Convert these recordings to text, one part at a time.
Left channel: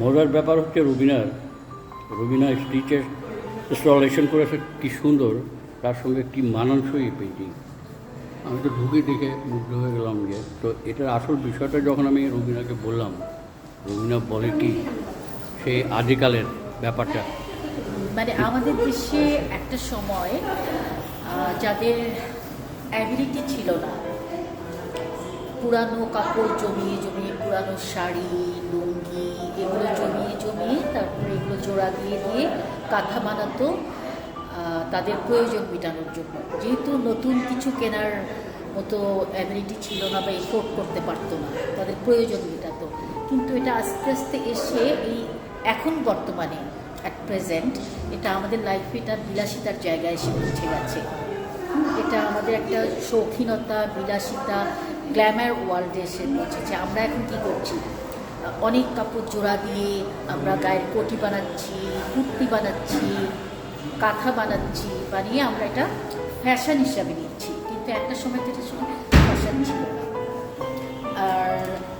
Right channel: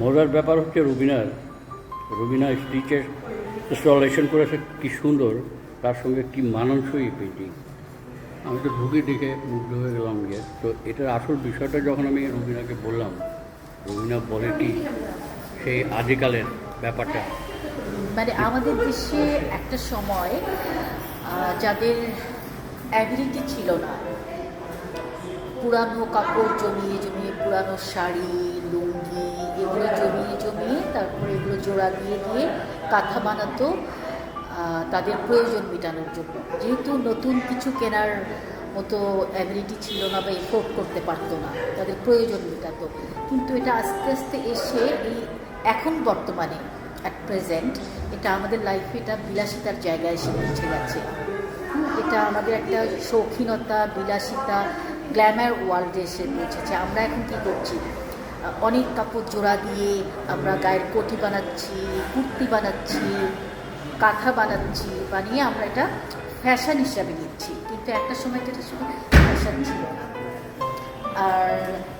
মজার ব্যাপার হচ্ছে রবিনার রবিনা স্টিচের ইনস্টলেশন করেছে, কি সুন্দর, তার সঙ্গে কি মানানসই পেন্টিং আমি তো ঢুকে দেখে মুগ্ধ হয়ে গেলাম যে তো এটার আসল বিষয়টা যখন আমি রবিনাকে বললাম, রবিনা বলে কি? সেই আদিকালের ব্যাপারটা। মানে আমাদের দেশে একটা সময় যাদের অ্যাবিলিটি ছিল না পুরানো কাপড় জমিয়ে জমিয়ে পুরানো শাড়ি, লুঙ্গি এগুলো জমিয়ে জমিয়ে তারপরে এগুলো জোড়া দিয়ে দিয়ে কাঁথা বানাতো তাদের প্রয়োজন মেটানোর জন্য। যেহেতু নতুন কিছু কেনার মতো অ্যাবিলিটি ছিল না বা এফোর্ড করতে পারতো না, তাদের প্রয়োজন মেটাতো। কিন্তু এটা আস্তে আস্তে এসে এই এখন বর্তমানে অ্যাট প্রেজেন্ট এটা আমাদের লাইফে এটা বিলাসিতার জায়গায় এসে পৌঁছে গেছে। এটা আমাদের একটা শৌখিনতা, বিলাসিতা গ্ল্যামার ওয়ার্ল্ডে এসে পৌঁছেছে আমরা এখন কি করছি? অনেক কাপড় জোড়া দিয়ে আমরা গায়ের কোটি বানাচ্ছি, কুর্তি বানাচ্ছি, কাঁথা বানাচ্ছি, বানিয়ে আমরা এটা ফ্যাশন হিসাবে নিচ্ছি। কিন্তু একটা সময় তো এটা শুধু ফ্যাশন ছিল না। আর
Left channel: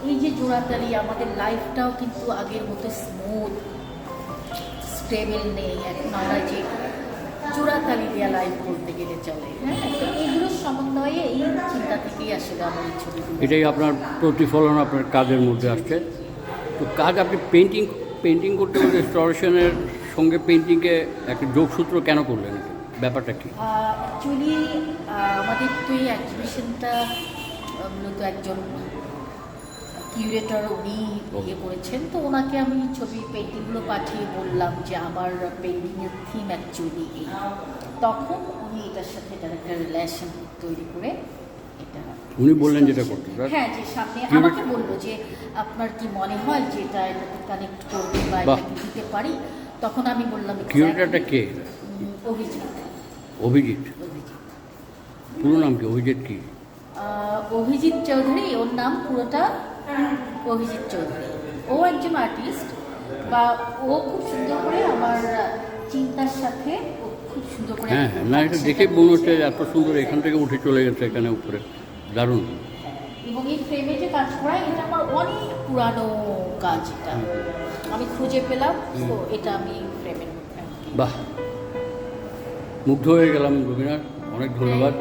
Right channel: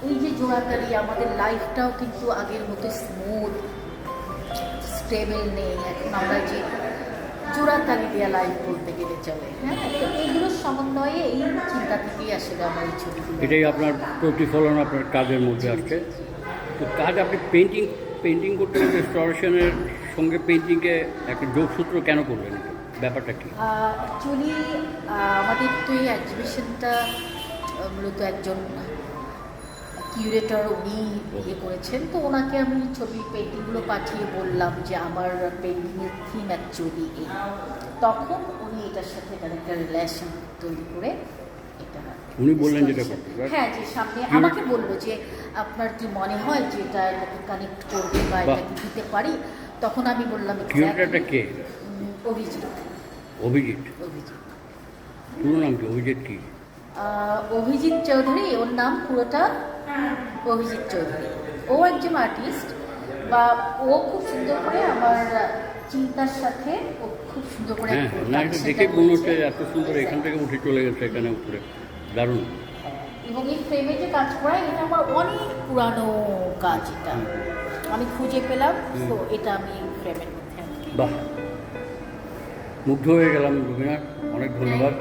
এই যে জোড়াতালি আমাদের লাইফটাও কিন্তু আগের মতো স্মুথ স্টেবল নেই। এখন আমরা যে জোড়াতালি দেওয়া লাইফ বলতে গেলে চলে। হ্যাঁ তো এইগুলোর সমন্বয়ে এই চিন্তা থেকেই আসলে আমার এই ছবিগুলো এটাই আপনার প্রতিফলন আপনার কাজের মধ্যে আসছে। তো কাজ আপনি পেন্টিং পেন্টিং করতে গেলে ইনস্টলেশনের সঙ্গে পেন্টিংকে একটা যোগসূত্র কেন করলেন? ব্যাপারটা কি? অ্যাকচুয়ালি আমাদের তো এই এক্সিবিশনটা মূলত একজন কিউরেটর উনি ইয়ে করেছেন। তো ওনাকে আমি ছবি পেন্টিংগুলো পাঠিয়ে বললাম যে আমার পেন্টিংয়ের থিম অ্যাকচুয়ালি এই। তখন উনি এটার সাথে এটার একটা রিলেশন তৈরি করে এটা উনি বললেন যেটা হ্যাঁ যে সামনে আমাকে বলল যে আপনার কি মনে হয় যে এটা এটাকে কানেক্ট করবে বা বাহ। এটা দিতে পারি? তখন আমি বললাম কিউরেটারটা কে? অভিজিৎ। অভিজিৎ। অভিজিৎ। পুরো নাম কি অভিজিৎ কি? অভিজিৎ চৌধুরী ওর নাম পুরোটা অভিজিৎ চৌধুরী। ও একজন আর্টিস্ট বা ও খুব সুন্দর করে আমার চিন্তার সাথে ও খুব সুন্দর করে হ্যাঁ না এটা দেখে মনে হচ্ছে এত সুন্দর এখান থেকে উঠে চলে গেছে এখানে উপরে। দারুণ। এবং এই ফ্রেমে যে কাজ করা এটা আমার অনেক পুরানো কাজ এটা। আমি খুঁজে পেলাম তো এটা আমি ফ্রেমের মধ্যে বাহ। মুগ্ধ হয়ে গেলাম রবীনা অনেক ধন্যবাদ।